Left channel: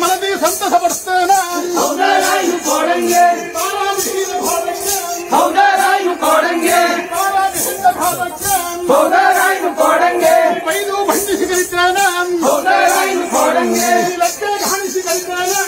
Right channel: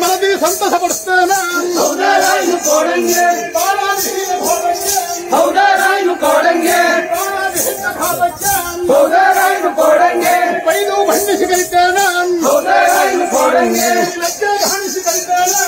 ಮನದಿ ಸಂತಸ ಪಡಿಸ್ತೇನೆ ಬೈದು ಬಣ್ಣಿಸಿ ಕಲಿತೇನೆ ಲಕ್ಕೆ ಕಾಣಿಸಿ ಕಲಿತೇನೆ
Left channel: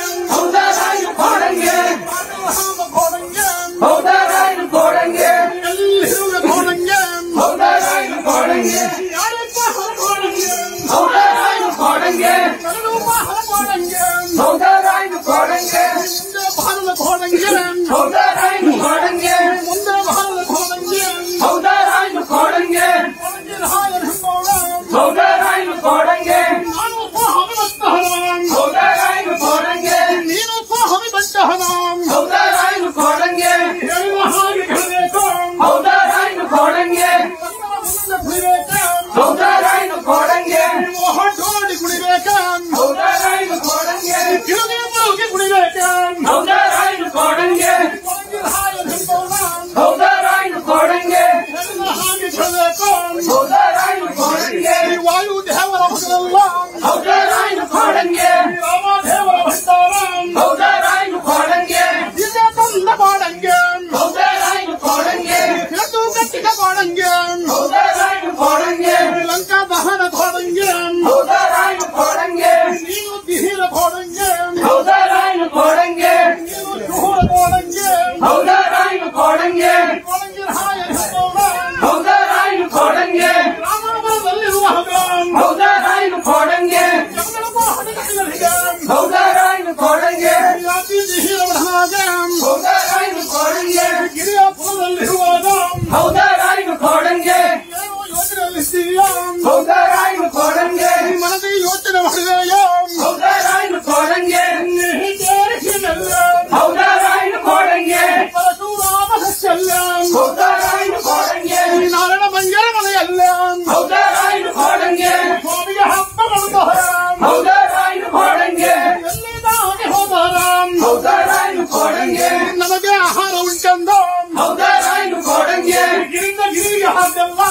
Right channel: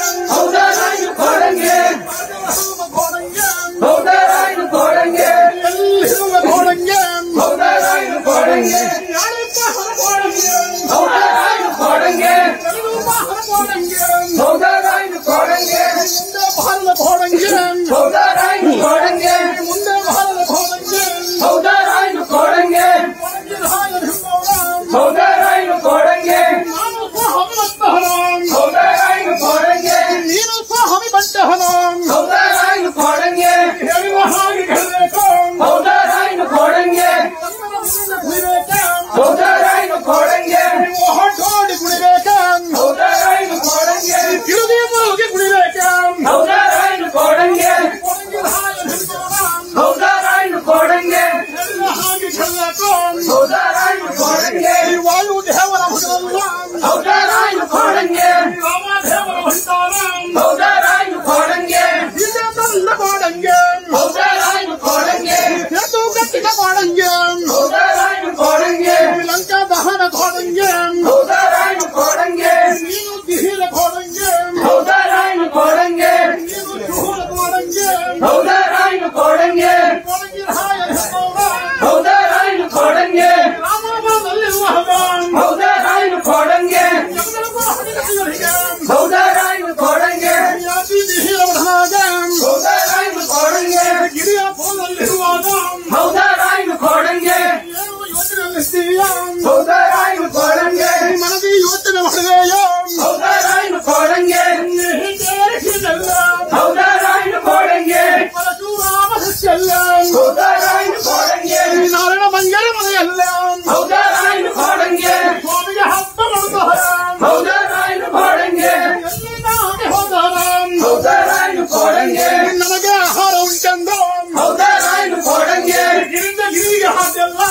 ಎಲ್ಲಿರುವ ಘೋಡಂಗೆ ವಾಯು ದೇವರ ಲಂಕಾ ದಹನ ಘೋಡಂಗೆ ನೀನು ದಿಹಿರ ಘೋಡಂಗೆ ನೀನು ಚೂರ ಘೋಡಂಗೆ ರಾಮನಗರದಲ್ಲಿರುವ ಗಿರಿಯಾಪುರದಲ್ಲಿರುವಾಗ ಮನದಿ ಯೋಚನೆ ಮಾಡಿದೆಯ ಪರಶುರಾಮ ಸಸ್ಯಲ್ಲ ನಾರಾಯಣ ಮಂಗಲ ಮನೆಯಲ್ಲ ಸ್ವಾಮಿಗೆ ಹಬ್ಬ ನಮಗೆ ಆಹಾರ ಉಂಟೆಂದು ಗಿರಿಂದ ಗಿರಿಗೆ ಹಾದೆಲ್ಲ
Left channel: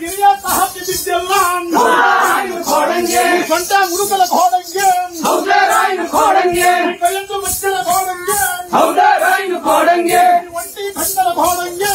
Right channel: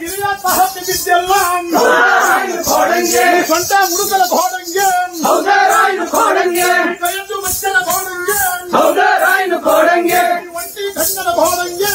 ಗಿರಿಯ ಸಹತೆ ಬಿದ್ದೆಲ್ಲ ಸ್ವಂತ ಮುರುಕಲ ಘೋಡಂಗೆ ಕೈಯಂದು ಮಚ್ಚಲ ಘೋಡಂಗೆ ಒಂಟಿ ಕನ್ನಡ ಘೋಡಂಗೆ